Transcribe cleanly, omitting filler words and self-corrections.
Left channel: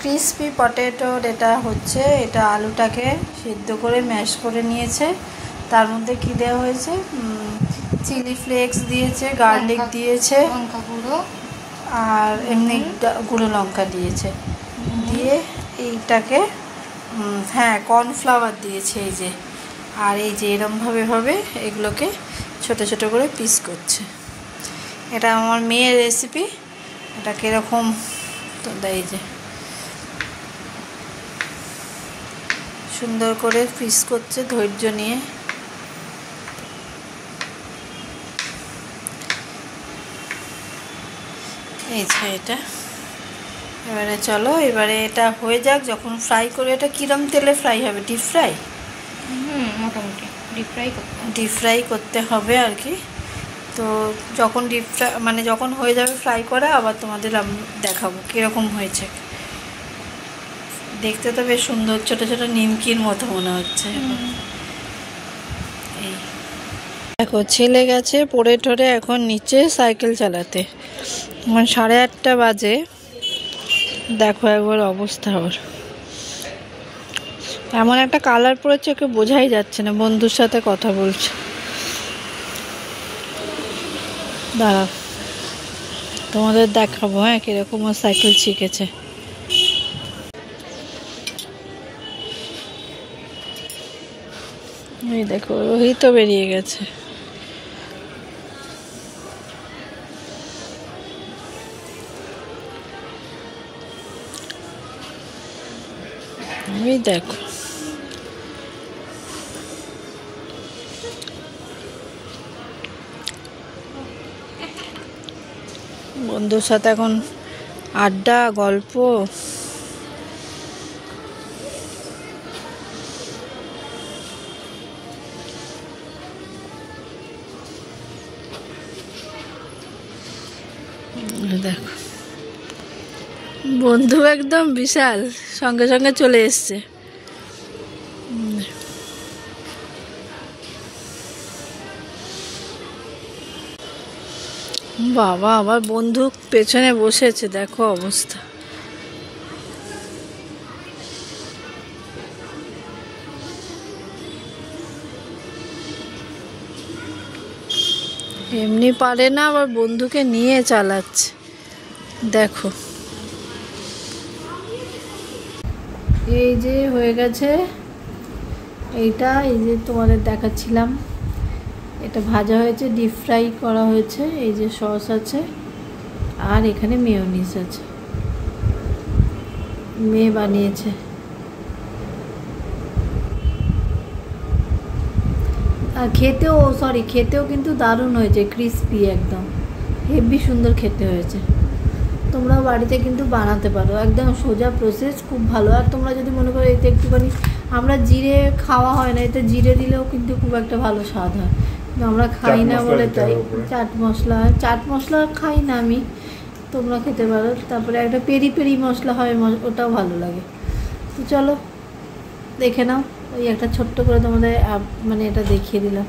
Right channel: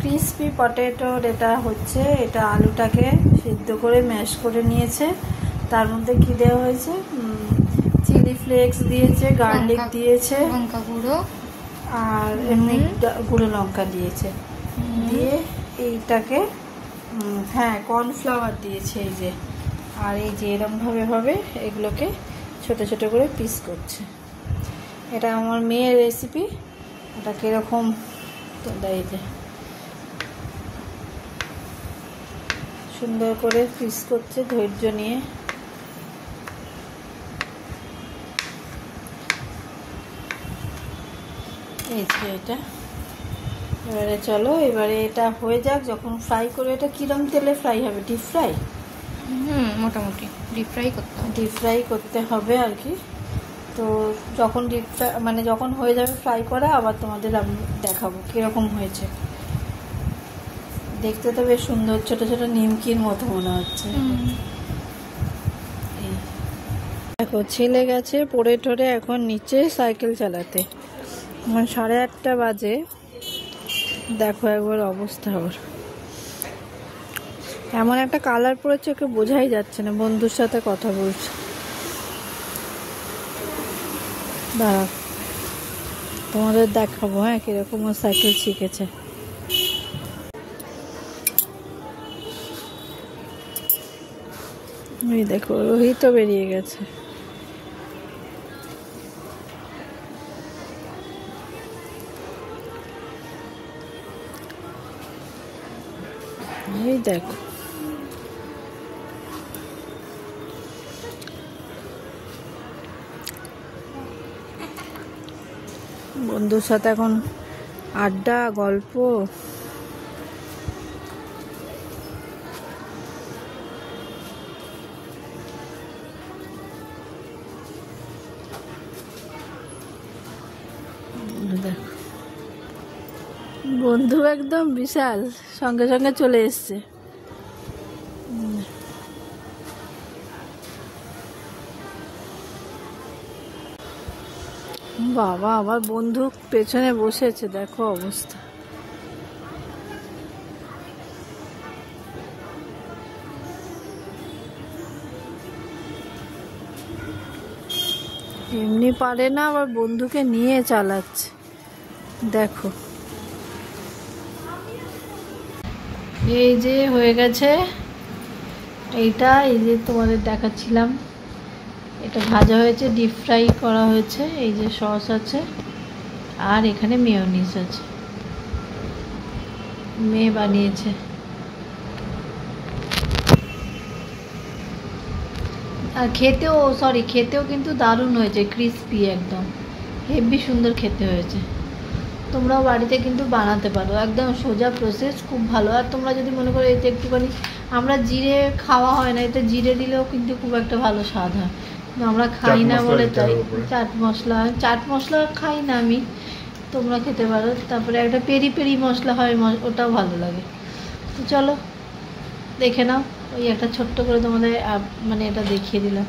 Crispy পটেটোর এটা হচ্ছে, এটা আলুটাকে সিদ্ধ করে ম্যাশ করে নিয়েছে, তার মধ্যে কী দেওয়া হয়েছে, চিলি ফ্লেক্স দিয়েছে, গার্লিক দিয়েছে, লঙ্কা গুঁড়ো আর এমনি গুঁড়ো লঙ্কা দিয়েছে, দিয়ে এইটাকে হ্যাঁ কর্নফ্লাওয়ার দিয়েছে এই যে, আর এই যে এরমভাবে এগুলোকে ছোট ছোট করে পিস করছে। এটা আমার মেয়ের রেসিপি, এটা কীরকম তো এই যে সুন্দর করে পিস করছে ধৈর্য নিয়ে। এই যে এটা এবারে চলো, এবারে এটা হয়ে যাক, যখন ফ্রাই করে এটা কিরম তেলে ফ্রাই হবে, ডিপ ফ্রাই? মোটামুটি ডিপ ফ্রাই করতে হবে আর কি। তো যখন ডিপ ফ্রাই মানে যখন হয়ে যাবে ফ্রাই করা, আবার তোমাদের আমি দেখাবো কীরকম হয়েছে। দেখতে তো বেশ সুন্দর, ছোটো ছোটো নিমকির মতো মনে হচ্ছে। এই দেখো ছেলে গেছে পড়ে ঠরে এখন নিচে সাইকেল চালাতে, এখন 8:30 বাজে। দেখো একবার অবস্থা, আবার এমন একটা কালার পড়েছে ওকে বোঝাই যাচ্ছে না, বন্ধুর সাথে কথা বলছে। দাঁড়া তোমাদের দেখাবো হ্যাঁ কিরকম ও সাইকেল শিখেছে। এই দেখো ওই তো বেরিয়ে গেছে। এই দেখো বন্ধুর সাথে এখন আড্ডা গল্প। দেখো বন্ধু একদম বিশাল, সঙ্গে সঙ্গে চলে এসছে। বাবা আমার বন্ধু পেছনে বসেছে, দেখো অবস্থা। এমনি পারে না, আবার বন্ধুকে নিয়ে চালাচ্ছে, দেখো। এই যে হয়ে গেছে এইটা, এই যে তোমাদের দেখাচ্ছিলাম, এটা ভাজা হয়েছে, ডিপ ফ্রাই করা হয়েছে। এই যে সস আছে আর এখানে মেয়োনিজ আছে, মেয়ে বানিয়েছে। আর খেতেও কিন্তু দারুণ হয়েছে, ক্রিসপি একদম হেভি সুন্দর খেতে হয়েছে। তোমরাও বাড়িতে কিন্তু বানাতে পারো, একদম সোজা প্রসেস, খুব ভালো। আর তোমরা যদি মনে করো এতে একটুখানি, আমরা জিরে খাওয়া হয় না, এতে জিরে দিলেও কিন্তু খুব একটা ভালো স্বাদ হয়, আমরা খাই না বলে তাই। চাট মশলা খাই না আমি, তোমরা খেতে পারো। তারপরে একটা পেরি মশলা হয়, ওটাও ভালো লাগে। তো চলো দেখে নাও, ওই একটা ছোট্ট করে তোমাদের মানে এটা দেখিয়ে দিলাম।